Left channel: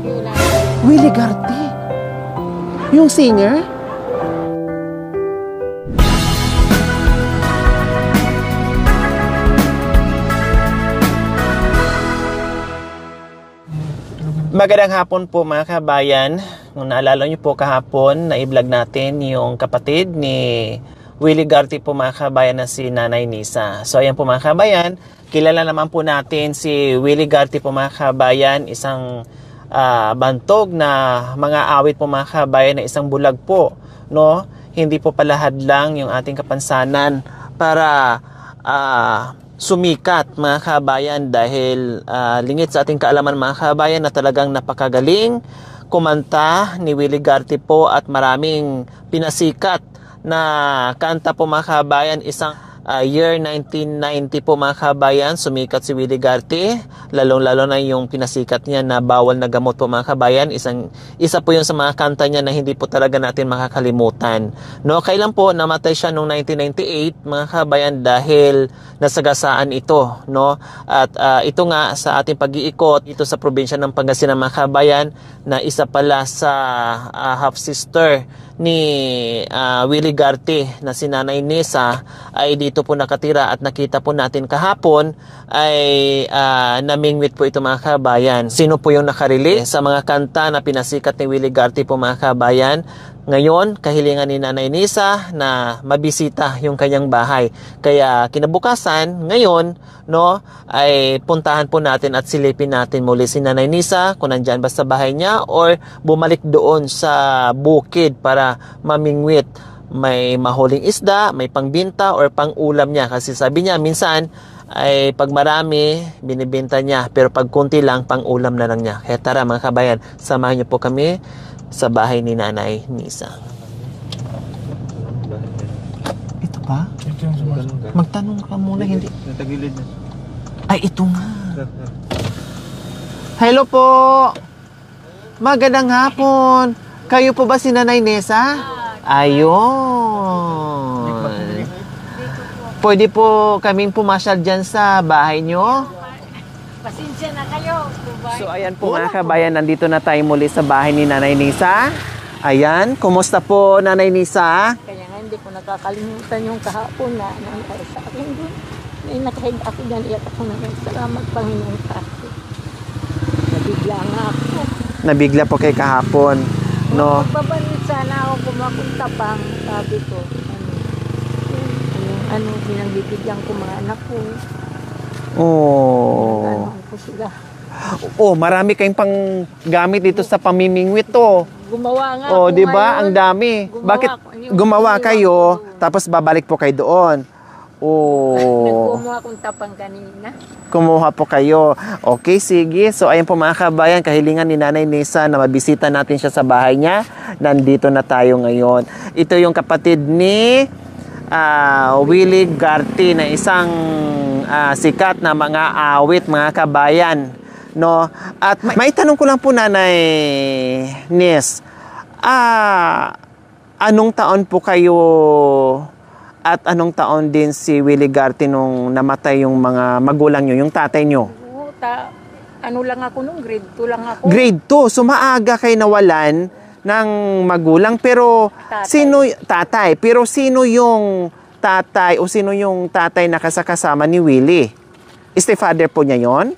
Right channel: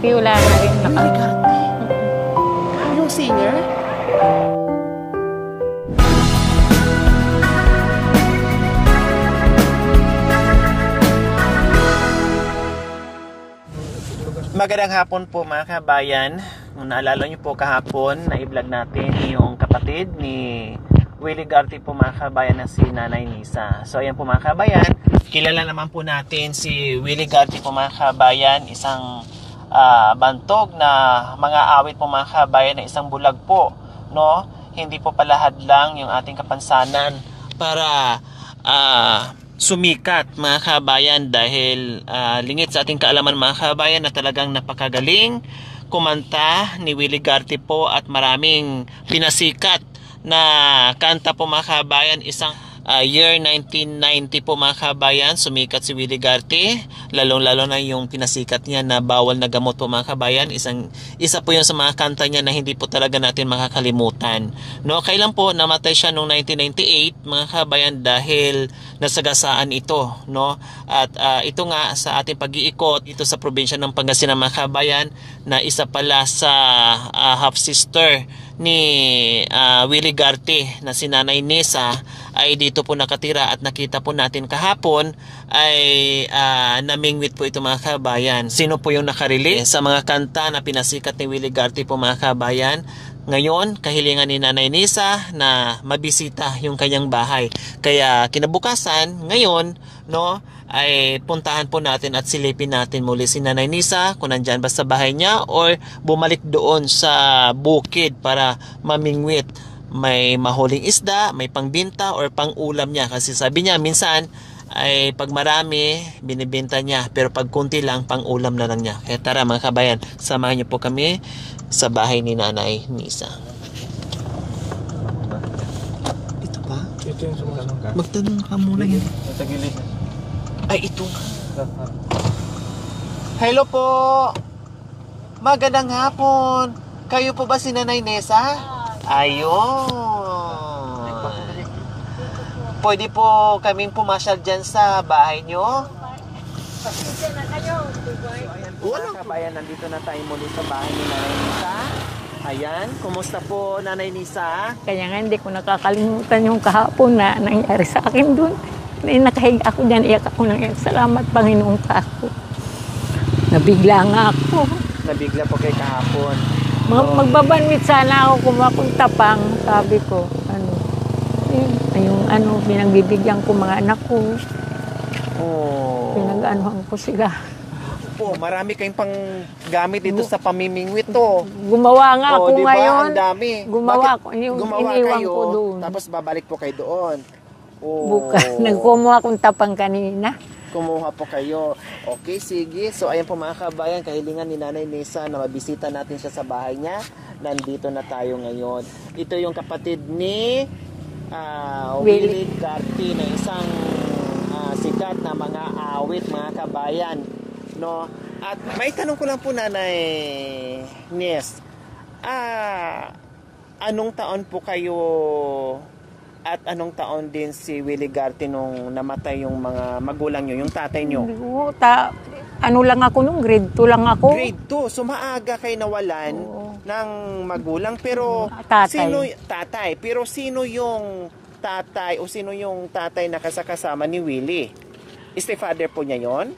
Garty, wala na rin. Willie Garty? Yung singer? Magandang hapon po mga kabayan. Kung naalala nyo po kahapon na i-vlog natin yung kapatid ni Willie Garty po mga kabayan na si Nanay Nisa. So ayan po mga kabayan, kilala naman po natin si Willie Garty po mga kabayan, isang bantog na mga awit po mga kabayan na isang bulag po, no? Hindi po palahad lang yung ating kapansanan para sumikat mga kabayan dahil lingit sa ating kaalaman mga kabayan na talagang napakagaling kumanta ni Willie Garty po at maraming pinasikat na kanta po mga kabayan. Isang year 1990 po mga kabayan, sumikat si Willie Garty, lalong-lalo na yung pinasikat niya na Bawal na Gamot po mga kabayan. Isa po yun sa mga kanta niya na hindi po talaga natin makakalimutan, no? Kailan po namatay siya noong 1998 mga kabayan dahil nasagasaan ito, no? At ito nga sa ating pag-iikot dito sa probinsya ng Pangasinan mga kabayan, na isa pala sa half sister ni Willie Garty na si Nanay Nisa ay dito po nakatira, at nakita po natin kahapon ay namingwit po ito mga kabayan. Sino po yung nakarili sa mga kanta na pinasikat ni Willie Garty po mga kabayan? Ngayon, kahilingan ni Nanay Nisa na mabisita yung kanyang bahay. Kaya kinabukasan, ngayon, no, ay puntahan po natin at silipin natin muli si Nanay Nisa kung nandyan ba sa bahay niya or bumalik doon sa bukid para mamingwit. May mahuling isda, may pangbinta or pang-ulam niya. Kasi sabi niya, minsan ay pag marami, binibenta niya. Pero pag kunti lang, pang-ulam na lang niya. Kaya tara mga kabayan, samahan niyo po kami sa bahay ni Nanay Nisa. Ito pa? Ito yung sumasagot. Magtanong ka muna, hindi. Sa gilid. Ay, ito nga. Hello po. Magandang hapon. Kayo po ba si Nanay Nisa? Ayun. Pwede po kaming pumasyal dyan sa bahay nyo? Pasensya na kayo. So ayan po mga kabayan, nandito na tayo muli sa bahay ni Nanay Nisa. Ayan, kumusta po Nanay Nisa? Kaya nga hindi ko nakakalimutan yung kahapon na nangyari sa akin doon. Nakahiga ako dyan, iyak ako nang iyak. Salamat Panginoong kaso. Nabigla nga ako. Nabigla po kay kahapon. No? Magbabanwit sana ako kumapunta pang, sabi ko. Pinagbibigyan ko mga anak ko. Oh. Pinag-anuhan ko sila. Oh, marami kayong pang gamit dito sa pamimingwit to. Gumawa nga ako diba? ngayon. Ang dami. Bakit gumawa kayo, tapos babalik po kayo doon? Oh. Nagkumuha akong tapang kanina. Kumuha po kayo. Okay, sige. So, ayan po mga kabayan, kahilingan ni Nanay Nisa na mabisita natin siya sa bahay niya. Nandito na tayo ngayon. Ito yung kapatid ni Willie Garty na isang sikat na mga awit mga kabayan. No? At may tanong ko lang po Nanay Nis. Anong taon po kayo at anong taon din si Willie Garty nung namatay yung mga magulang nyo, yung tatay nyo? Ano lang ako nung grade 2 lang ako. Grade 2. So maaga kayo nawalan ng magulang. Pero tatay. Pero sino yung tatay o sino yung tatay na kasama ni Willie? Stepfather po niya yon?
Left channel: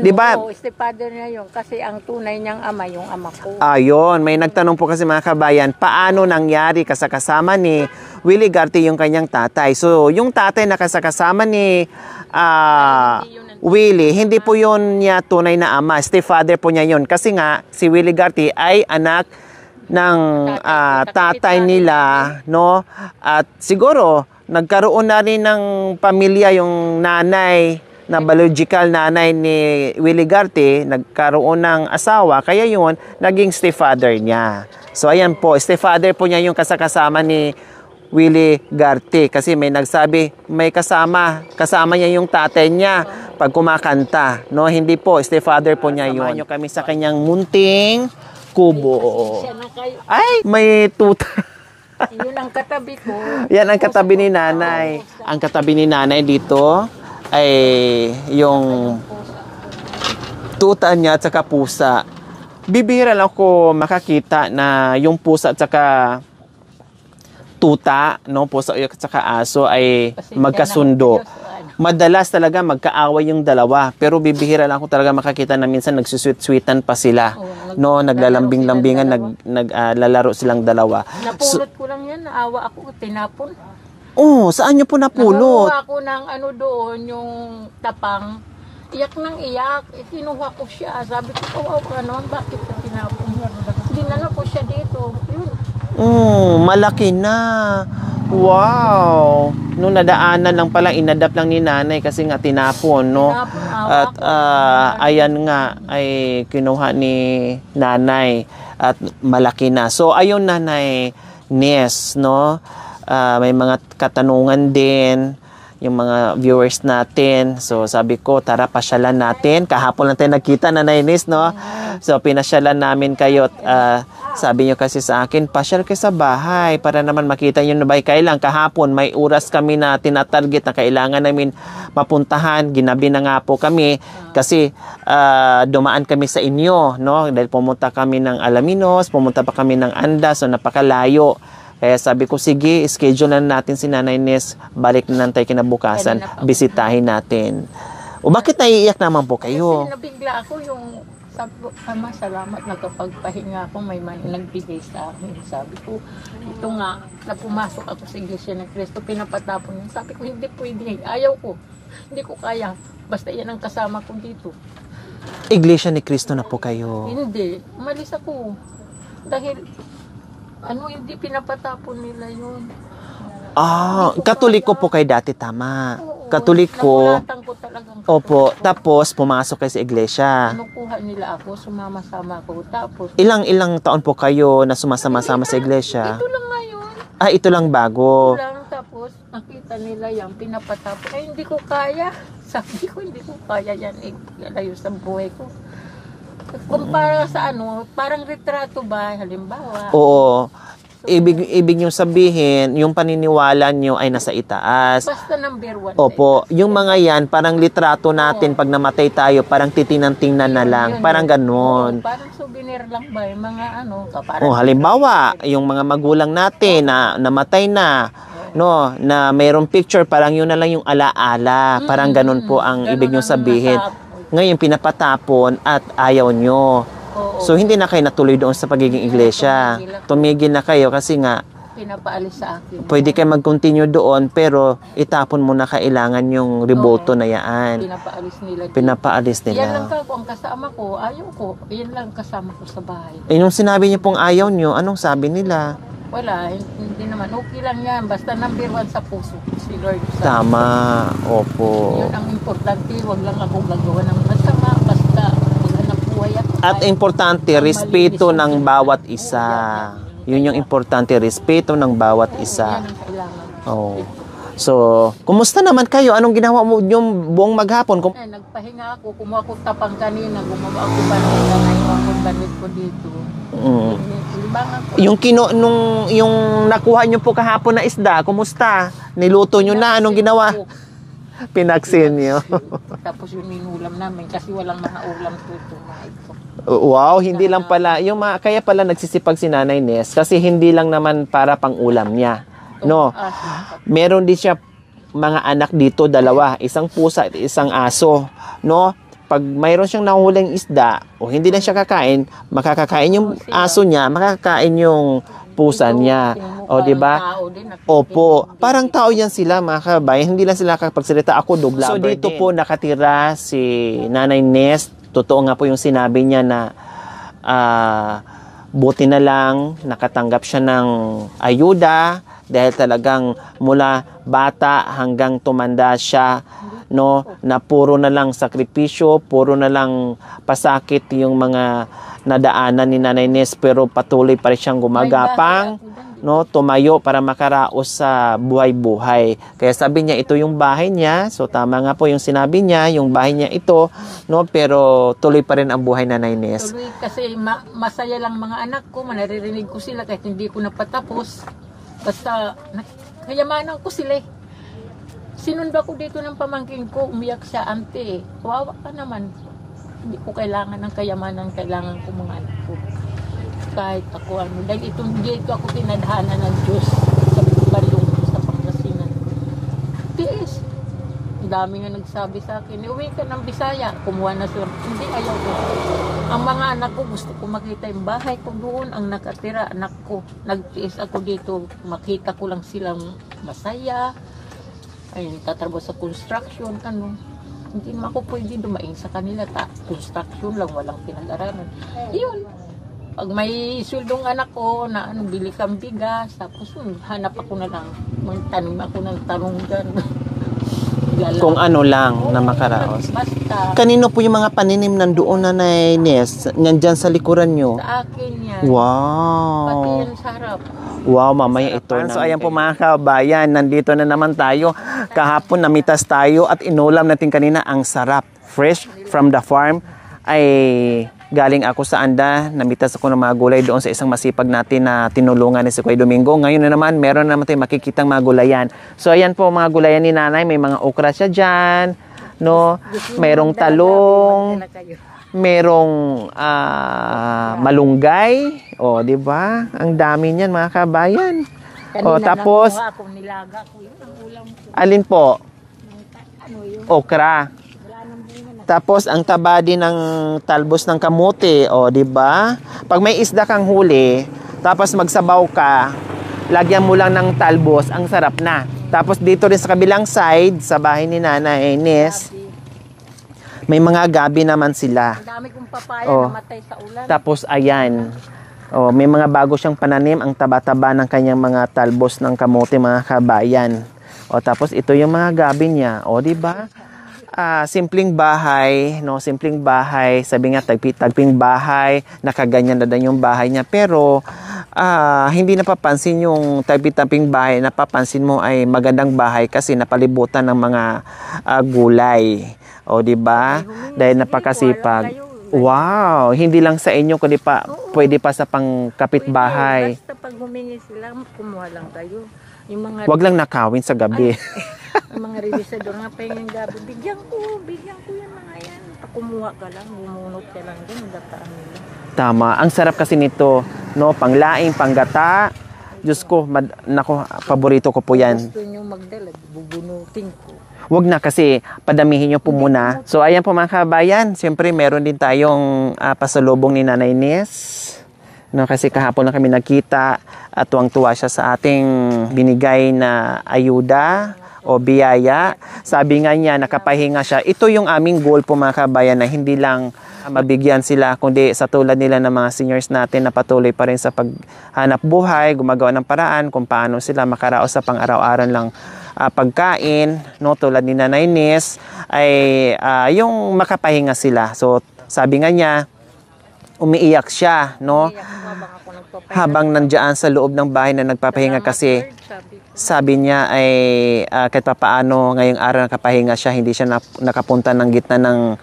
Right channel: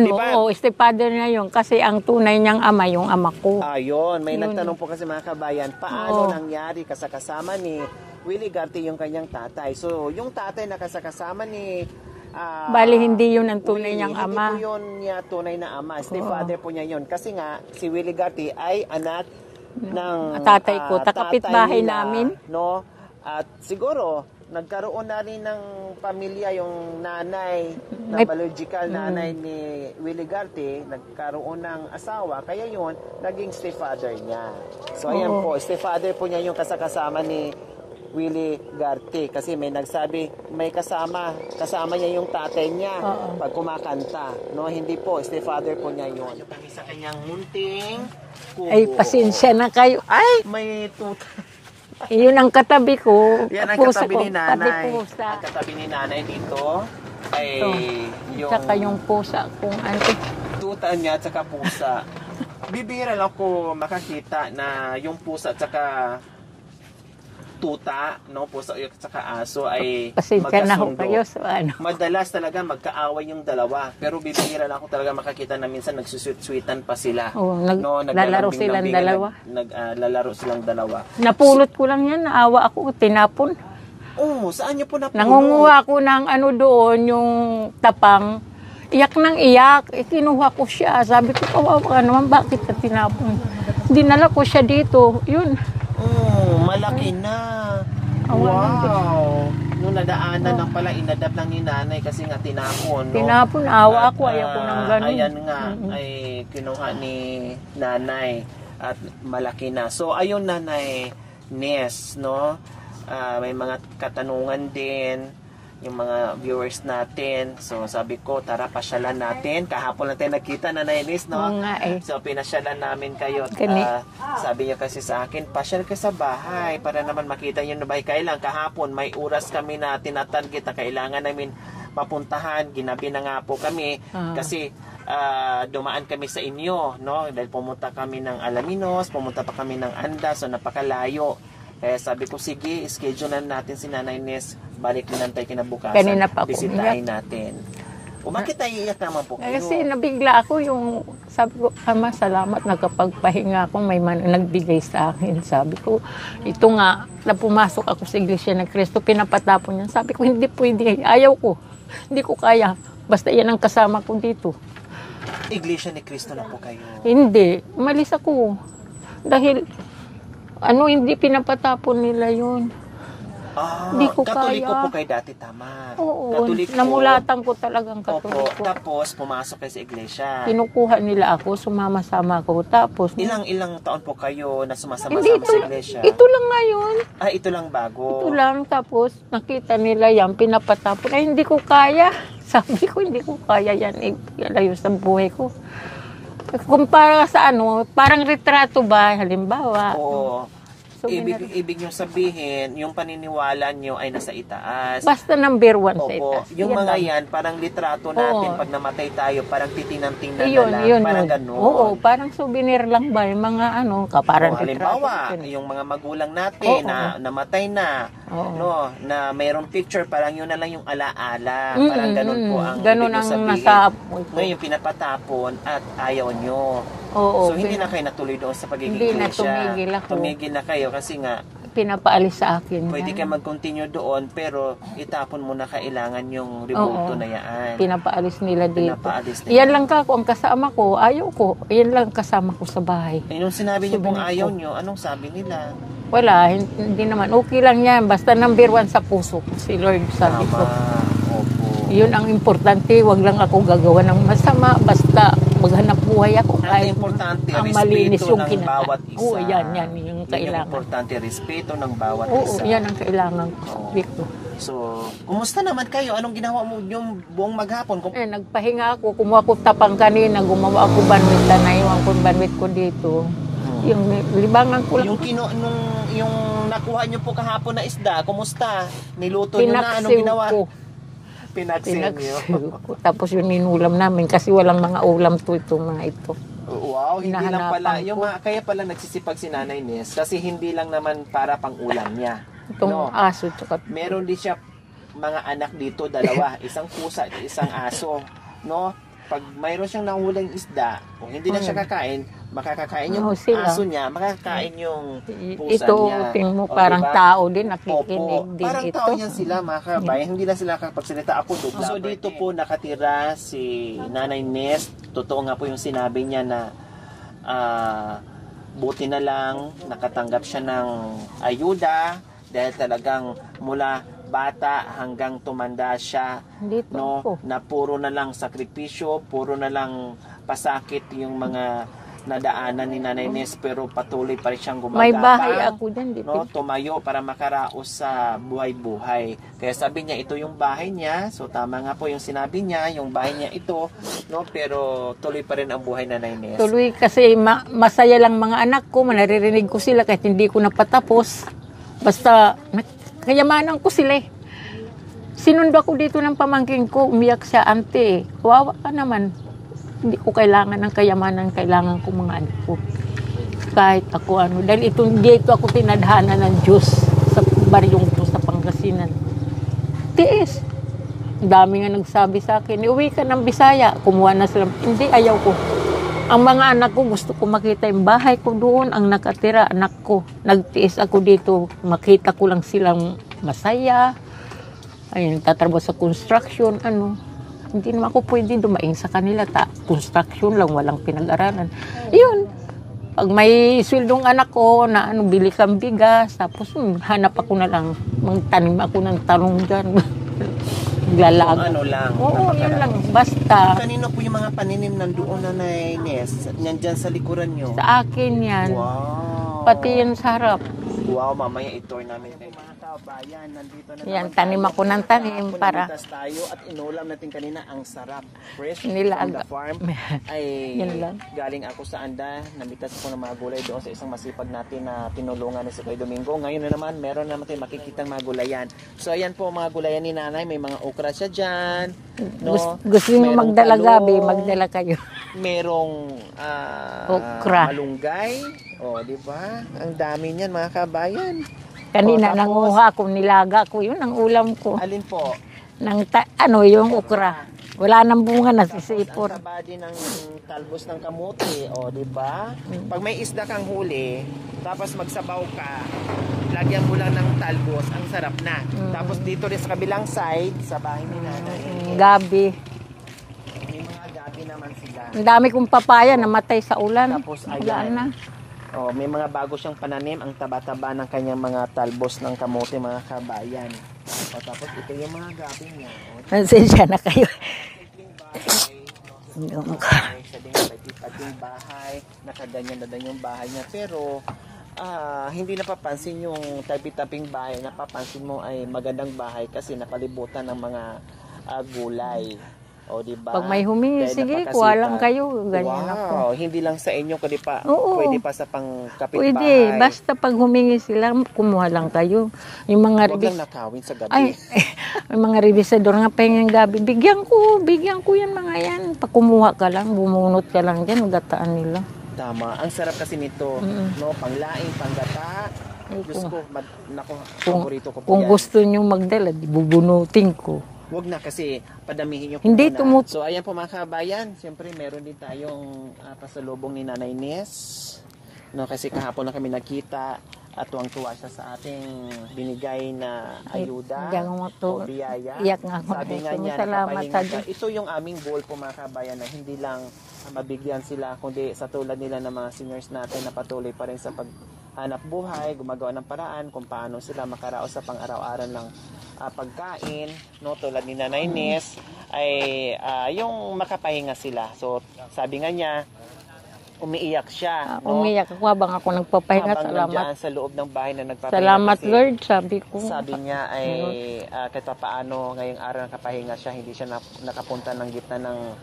Diba? Stepfather niya yun. Kasi ang tunay niyang ama, yung ama ko. Ayun. May nagtanong po kasi mga kabayan, paano nangyari kasama ni Willie Garty yung kanyang tatay? So, yung tatay na kasama ni bali, hindi yun ang tunay Willie, hindi ama. po yun niya tunay na ama. Stepfather po niya yun. Kasi nga, si Willie Garty ay anak ng tatay nila, no? At siguro, nagkaroon na rin ng pamilya yung nanay, na biological nanay ni Willie Garty, nagkaroon ng asawa, kaya yun, naging stepfather niya. So, ayan po, stepfather po niya yung kasama ni Willie Garty. Kasi may nagsabi, may kasama niya yung tatay niya pag kumakanta. No, hindi po, stepfather po niya yun. Samahan nyo kami sa kanyang munting kubo. Ay, pasensya na kayo. Ay, may tuta. Yun ang katabi ko. Yan ang katabi ni nanay. Ang katabi ni nanay dito ay yung Saka yung pusa kung ano. tuta niya at saka pusa. bibihira lang ako makakita na yung pusa at saka tuta, no, pusa at saka aso ay Pasensya magkasundo. na ho kayo, so ano. Madalas talaga magkaaway yung dalawa, pero bibihira lang ako talaga makakita na minsan nagsusweet-sweetan pa sila. Oo, No, naglalambing-lambingan, silang naglalaro silang dalawa. Napulot ko lang yan, naawa ako, tinapon. Oh, saan niyo po napulot? Nangunguha ko ng ano doon, yung tapang. Iyak ng iyak, kinuha ko siya. Sabi ko, kawawa ka naman, bakit ka tinapon? Dinala ko siya dito, yun. Malaki na. Wow. Nung nadaanan lang pala, inadapt lang ni nanay kasi nga tinapon, no? Tinapon, awa At ako. Ayoko ayan nga, ay kinuha ni nanay at malaki na. So, ayun nanay Nes, no? May mga katanungan din yung mga viewers natin. So, sabi ko, tara, pasyalan natin. Kahapon lang tayo nagkita, Nanay Nes, no? So, pinasyalan namin kayo. At, sabi nyo kasi sa akin, pasyal kayo sa bahay para naman makita nyo na ba. Kailan kahapon, may oras kami na tinatarget na kailangan namin mapuntahan. Ginabi na nga po kami kasi dumaan kami sa inyo, no? Dahil pumunta kami ng Alaminos, pumunta pa kami ng Anda, so napakalayo. Kaya sabi ko, sige, schedule na natin si Nanay Nes, balik na lang tayo kinabukasan, bisitahin natin. O bakit naiiyak naman po kayo? Kasi nabigla ako yung, sabi ko, Ama, salamat, nakapagpahinga ako, may nagbigay sa akin. Sabi ko, ito nga, na pumasok ako sa Iglesia ng Cristo, pinapatapon niya. Sabi ko, hindi pwede, ayaw ko, hindi ko kaya, basta yan ang kasama ko dito. Iglesia ni Cristo na po kayo? Hindi, umalis ako. Dahil, hindi pinapatapon nila yun. Katoliko kaya. po kayo dati, tama. Oo, Katoliko. namulatan ko talagang katoliko. Opo, tapos pumasok kayo sa iglesia. Kinukuha nila ako, sumama-sama ako. Tapos, Ilang taon po kayo na sumasama-sama sa iglesia? Ito lang ngayon. Ito lang bago. Ito lang, tapos nakita nila yan, pinapatapon. Ay, hindi ko kaya. Sabi ko, hindi ko kaya yan. Ilayo sa buhay ko. Kumpara sa parang retrato ba, halimbawa. Oo. Ibig nyo sabihin, yung paniniwala nyo ay nasa itaas. Basta number 1 Opo. sa itaas. Yung mga yan, parang litrato natin, pag namatay tayo, parang titinang-tingnan na lang. Parang ganon. Oo, parang souvenir lang ba, yung mga kaparang. Halimbawa, yung mga magulang natin na namatay na, no, na mayroong picture, parang yun na lang yung alaala. Parang ganon po ang ibig nyo sabihin. Ngayon, pinapatapon at ayaw nyo. So, hindi na kayo natuloy doon sa pagiging iglesia. Tumigil na kayo kasi nga, pinapaalis sa akin. Pwede kayo mag-continue doon, pero itapon mo na kailangan yung reboto na yan. Pinapaalis nila dito. Pinapaalis nila. Yan lang ang kasama ko. Ayaw ko. Yan lang kasama ko sa bahay. Nung sinabi niyo pong ayaw niyo, anong sabi nila? Wala, hindi naman. Okay lang yan. Basta number 1 sa puso ko, si Lord. Tama. Opo. Yun ang importante. Wag lang ako gagawa ng masama. Basta maghanap buhay ako. At importante, respeto ng bawat isa. Yun yung importante, respeto ng bawat isa. Yan ang kailangan ko. So, kumusta naman kayo? Anong ginawa mo yung buong maghapon? Nagpahinga ako, kumuha ko tapang kanina, gumawa ako banwit, naiwan ko banwit ko dito. Yung libangan ko. Yung nakuha nyo po kahapon na isda, kumusta? Niluto nyo na? Anong ginawa? Pinaksin nyo. Tapos yung ninulam namin kasi walang mga ulam to ito, mga ito. Wow, hindi lang pala. Kaya pala nagsisipag si Nanay Nes kasi hindi lang naman para pang ulam niya. No. Meron din siya mga anak dito, 2, isang pusa at isang aso, no? Pag mayroon siyang nahuhuling isda o hindi na siya kakain, makakakain yung aso niya, makakakain yung pusa niya. O di ba? Opo, parang tao yan sila, mga kabayan. Hindi lang sila kapagsalita. Ako dubla. So dito po nakatira si Nanay Nes. Totoo nga po yung sinabi niya na buti na lang nakatanggap siya ng ayuda. Dahil talagang mula bata hanggang tumanda siya, no, na puro na lang sakripisyo, puro na lang pasakit yung mga nadaanan ni Nanay Nes, pero patuloy pa rin siyang gumagapang, no, tumayo para makaraos sa buhay-buhay. Kaya sabi niya, ito yung bahay niya. So tama nga po yung sinabi niya, yung bahay niya ito, no, pero tuloy pa rin ang buhay na Nanay Nes. Tuloy kasi masaya lang mga anak ko, naririnig ko sila kahit hindi ko napatapos. Basta, kayamanan ko sila. Sinundo ako dito ng pamangkin ko, umiyak siya, ante, kawawa ka naman. Hindi ko kailangan ng kayamanan, kailangan ko mga anak ko. Kahit ako ano, dahil dito ako tinadhana ng Diyos sa baryong ko sa Pangasinan. Tiis. Ang dami nga nagsabi sa akin, uwi ka ng Bisaya. Kumuha na sila. Hindi, ayaw ko. Ang mga anak ko, gusto ko makita yung bahay ko doon, ang nakatira, anak ko. Nagtiis ako dito, makita ko lang silang masaya. Ayun, tatrabaho sa construction, ano. Hindi naman ako pwede dumaing sa kanila. Construction lang, walang pinag-aralan. Yun. Pag may swildong anak ko na ano, bili kang bigas, tapos hanap ako na lang. Magtanim ako ng talong dyan. Kung ano lang na makaraos. Basta. Kanino po yung mga paninim nandoon, Nanay Ines? Nandyan sa likuran nyo? Sa akin yan. Wow. Pati yan sa harap. Wow, mamaya ito. So ayan po mga kabayan, nandito na naman tayo. Kahapon namitas tayo at inulam natin kanina ang sarap. Fresh from the farm. Ay galing ako sa Anda, namitas ako ng mga gulay doon sa isang masipag natin na tinulungan ni si Kuya Domingo. Ngayon na naman, meron na naman tayong makikitang mga gulayan. So ayan po mga gulayan ni Nanay, may mga okra siya dyan. No? Merong talong. Magdala kayo. Merong malunggay. O, di ba? Ang dami niyan mga kabayan. Kanina tapos, nanguha ako, nilaga ko. Yun ang ulam ko. Alin po? Yung okra. Wala nang bunga na. Tapos ang taba din ng talbos ng kamote, o di ba? Pag may isda kang huli, tapos magsabaw ka, lagyan mo lang ng talbos, ang sarap na. Tapos dito rin sa kabilang side, sa bahay ni Nanay Ines, gabi. May mga gabi naman sila. Ang dami kong papaya namatay sa ulan. Tapos ayan. May mga bago siyang pananim, ang taba-taba ng kanyang mga talbos ng kamote, mga kabayan. Tapos ito yung mga gabi niya. Di ba? Nasensya na kayo. Simpleng bahay, no? Simpleng bahay. Sabi nga, tagping bahay, nakaganyan na din yung bahay niya. Pero, hindi napapansin yung tagping bahay. Napapansin mo ay magandang bahay kasi napalibutan ng mga gulay. Di ba? Dahil napakasipag. Wow, hindi lang sa inyo kundi pa pwede pa sa pangkapitbahay. Pwede, basta pag humingi sila, kumuha lang kayo. Yung mga wag lang nakawin sa gabi. Yung mga revisador nga pahingang gabi, bigyan ko yan mga yan. Pag kumuha ka lang, bumunot ka lang dyan, magataan nila. Tama, ang sarap kasi nito, no? Panglaing, panggata. Diyos ko, paborito ko po yan. Kung gusto nyo magdala, bubunutin ko. Wag na kasi padamihin nyo po muna. So ayan po mga kabayan, siyempre meron din tayong pasalubong ni Nanay Ines. No, kasi kahapon na kami nakita at tuwang-tuwa siya sa ating binigay na ayuda o biyaya. Sabi nga niya, nakapahinga siya. Ito yung aming goal po mga kabayan na hindi lang mabigyan sila, kundi sa tulad nila ng mga seniors natin na patuloy pa rin sa paghanap buhay, gumagawa ng paraan kung paano sila makaraos sa pang-araw-araw lang pagkain, no, tulad ni Nanay Ines, ay yung makapahinga sila. So, sabi nga niya, umiiyak siya, no? Umiiyak ako habang ako nagpapahinga. Habang nandiyan sa loob ng bahay na nagpapahinga. Salamat, kasi Lord, sabi niya ay kahit papaano ngayong araw nakapahinga siya, hindi siya nakapunta ng gitna ng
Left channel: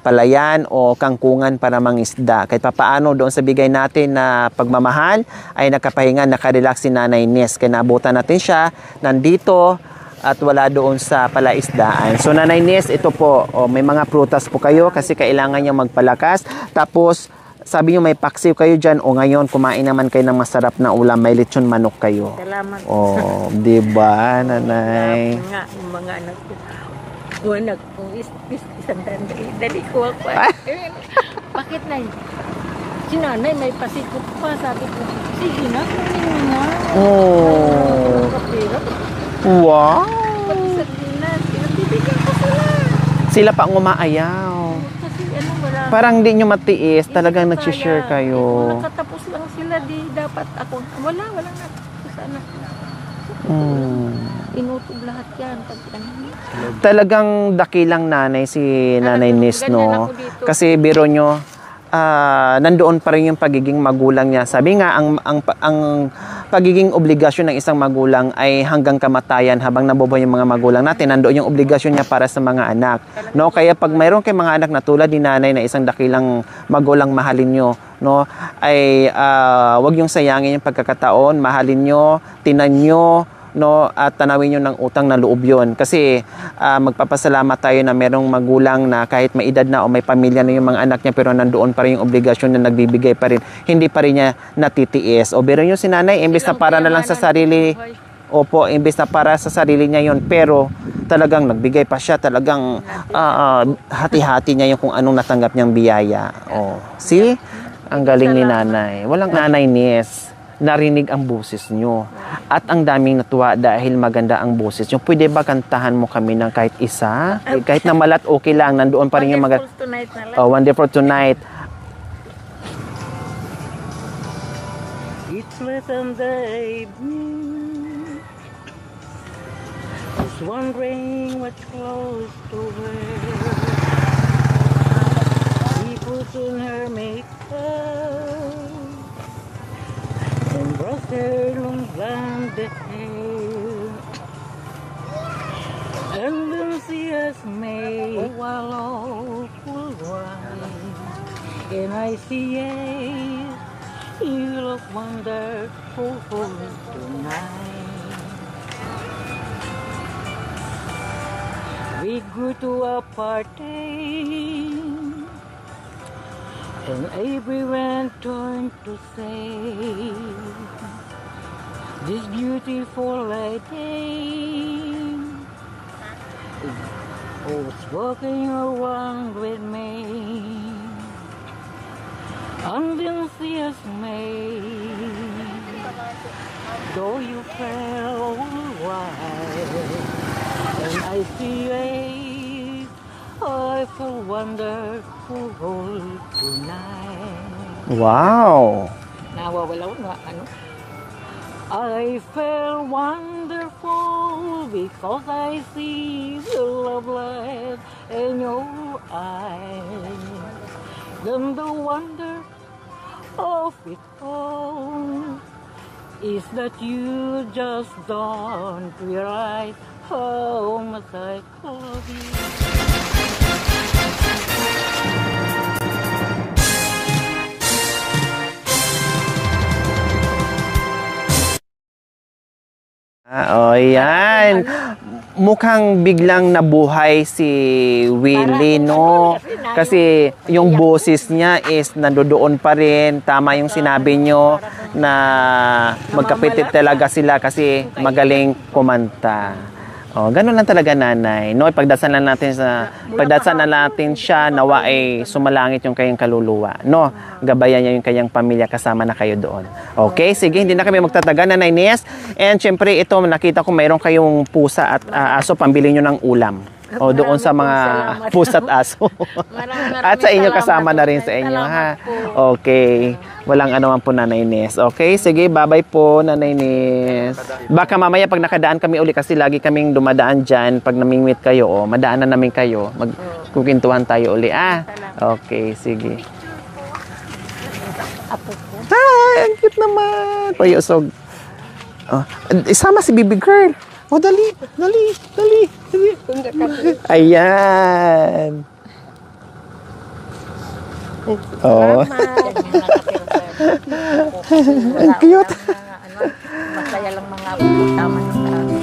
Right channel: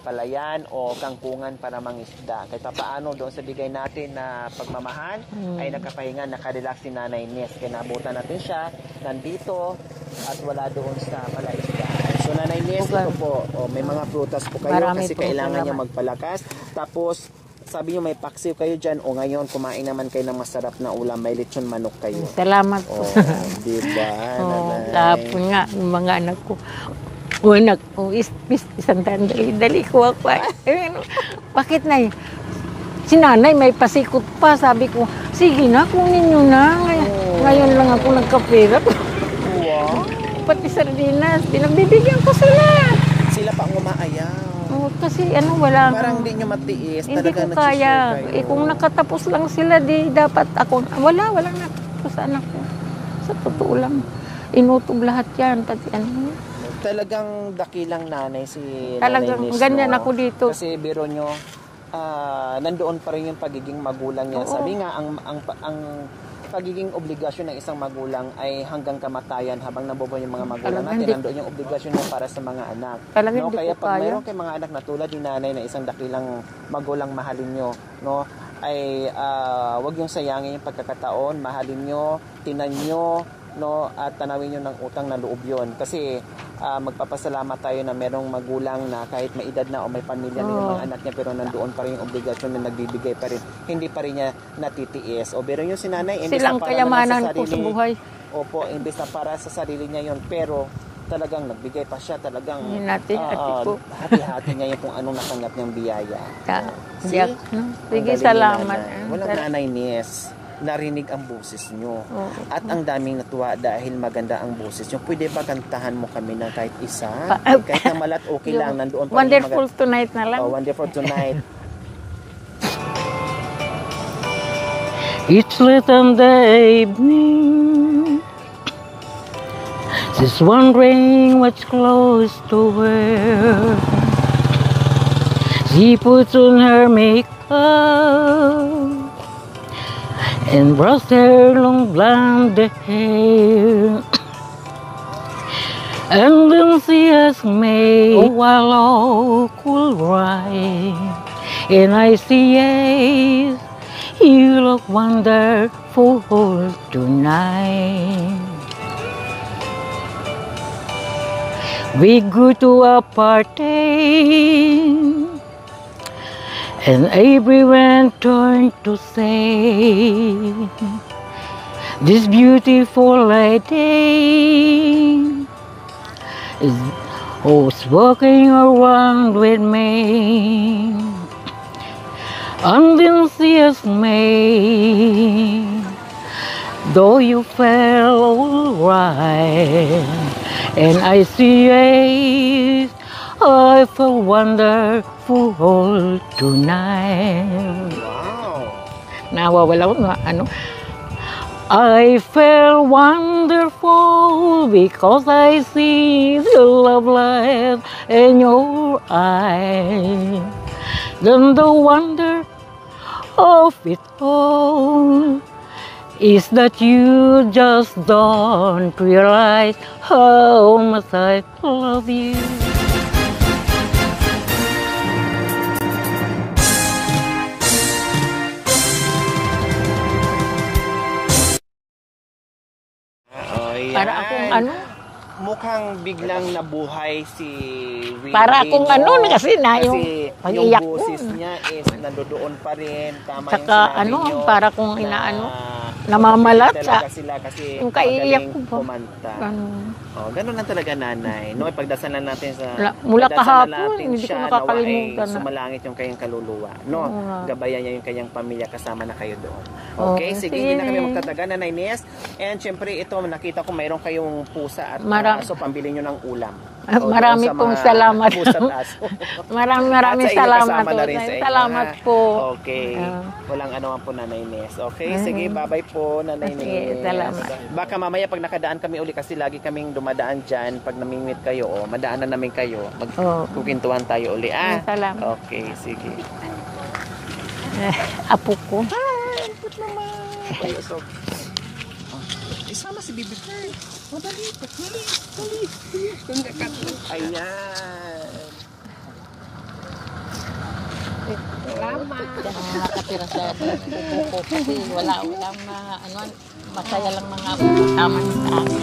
palayan o kangkungan para mangisda. Kahit papaano doon sa bigay natin na pagmamahal ay nakapahinga, nakarelax si Nanay Ines. Kaya naabutan natin siya nandito at wala doon sa palaisdaan. So Nanay Ines, ito po, may mga prutas po kayo kasi kailangan niyo magpalakas. Tapos sabi niyo may paksiw kayo dyan o ngayon kumain naman kayo ng masarap na ulam, may lechon manok kayo. Salamat. Di ba, Nanay? Tapos nga, yung mga anak ko, anak kong isang dali ko ako. Bakit na si Nanay may pasikot pa, sabi ko, sige na, kunin nyo na. Ngayon lang ako nagkapira. Wow! Pati sardinas, pinabibigyan ko sila. Sila pa ang umaayaw. Kasi wala. Parang di nyo matiis, talagang nag-share kayo. Kung nakatapos lang sila, di dapat ako, walang nakatapos anak ko. Sa totoo lang. Inutog lahat yan. Talagang dakilang nanay si Nanay Ines, no? Ganyan ako dito. Kasi biro nyo, nandoon pa rin yung pagiging magulang niya. Sabi nga, ang pagiging obligasyon ng isang magulang ay hanggang kamatayan habang nabubuhay yung mga magulang natin. Nandoon yung obligasyon niya para sa mga anak. No? Kaya pag mayroon kayong mga anak na tulad ni Nanay na isang dakilang magulang mahalin nyo, no? Ay wag yung sayangin yung pagkakataon, mahalin nyo, tinan nyo, no, at tanawin nyo ng utang na loob yun. Kasi magpapasalamat tayo na merong magulang na kahit may edad na o may pamilya na yung mga anak niya, pero nandoon pa rin yung obligasyon na nagbibigay pa rin. Hindi pa rin niya natitiis. O biro nyo si nanay, imbes na para na lang sa sarili, opo, imbes na para sa sarili niya yun, pero talagang nagbigay pa siya, talagang hati-hati niya yung kung anong natanggap niyang biyaya. Oh. See? Ang galing ni nanay. Walang nanay, Nes. Narinig ang boses nyo. At ang daming natuwa dahil maganda ang boses nyo. Pwede ba kantahan mo kami ng kahit isa? Kahit na malat, okay lang. Nandoon pa rin yung Wonderful Tonight na lang. Oh, Wonderful Tonight. It's late in the evening. She's wondering what's close to wear. She puts on her makeup and brushed her long blonde hair. And then she has made a wallow cool ride. And I see, yes, you look wonderful tonight. We go to a party, and everyone turned to say, this beautiful lady who's walking around with me. And then she has made, though you felt alright. And I see, yes, I feel wonderful tonight. Wow! Nawawala ko nga, ano. I feel wonderful because I see the love light in your eyes. Then the wonder of it all is that you just don't realize how much I love you. Oh, yan. Mukhang biglang nabuhay si Willie, Para kung no? ano, kasi yung pag-iyak boses niya is nandoon pa rin. Tama yung sinabi nyo para kung na namamalat magkapitit talaga siya. sila kasi Yung kaiyak magaling po. kumanta. Oh, ganun lang talaga, nanay. No, ipagdasalan natin Mula kahapon, natin hindi siya ko nawa makakalimutan ay na. sumalangit yung kayang kaluluwa. No, gabayan niya yung kayang pamilya, kasama na kayo doon. Okay, sige, hindi na kami magtataga, Nanay Nes. And syempre, ito, nakita ko mayroon kayong pusa at aso, pambili nyo ng ulam. O doon sa mga pusa at aso. Maraming At sa inyo, salamat. kasama na rin sa inyo. Salamat Ha? po. Okay. Walang anuman po, Nanay Nes. Okay, sige, bye-bye po, Nanay Nes. Baka mamaya pag nakadaan kami uli, kasi lagi kaming dumadaan dyan, pag namingwit kayo, madaanan namin kayo. Magkukintuhan tayo uli. Salamat. Okay, sige. Apo ko. Hi, ang cute naman. Payusog. Oh, isama si baby girl. Oh, dali. Ayan. Oh. Ang cute. Masaya lang mga naman sa amin.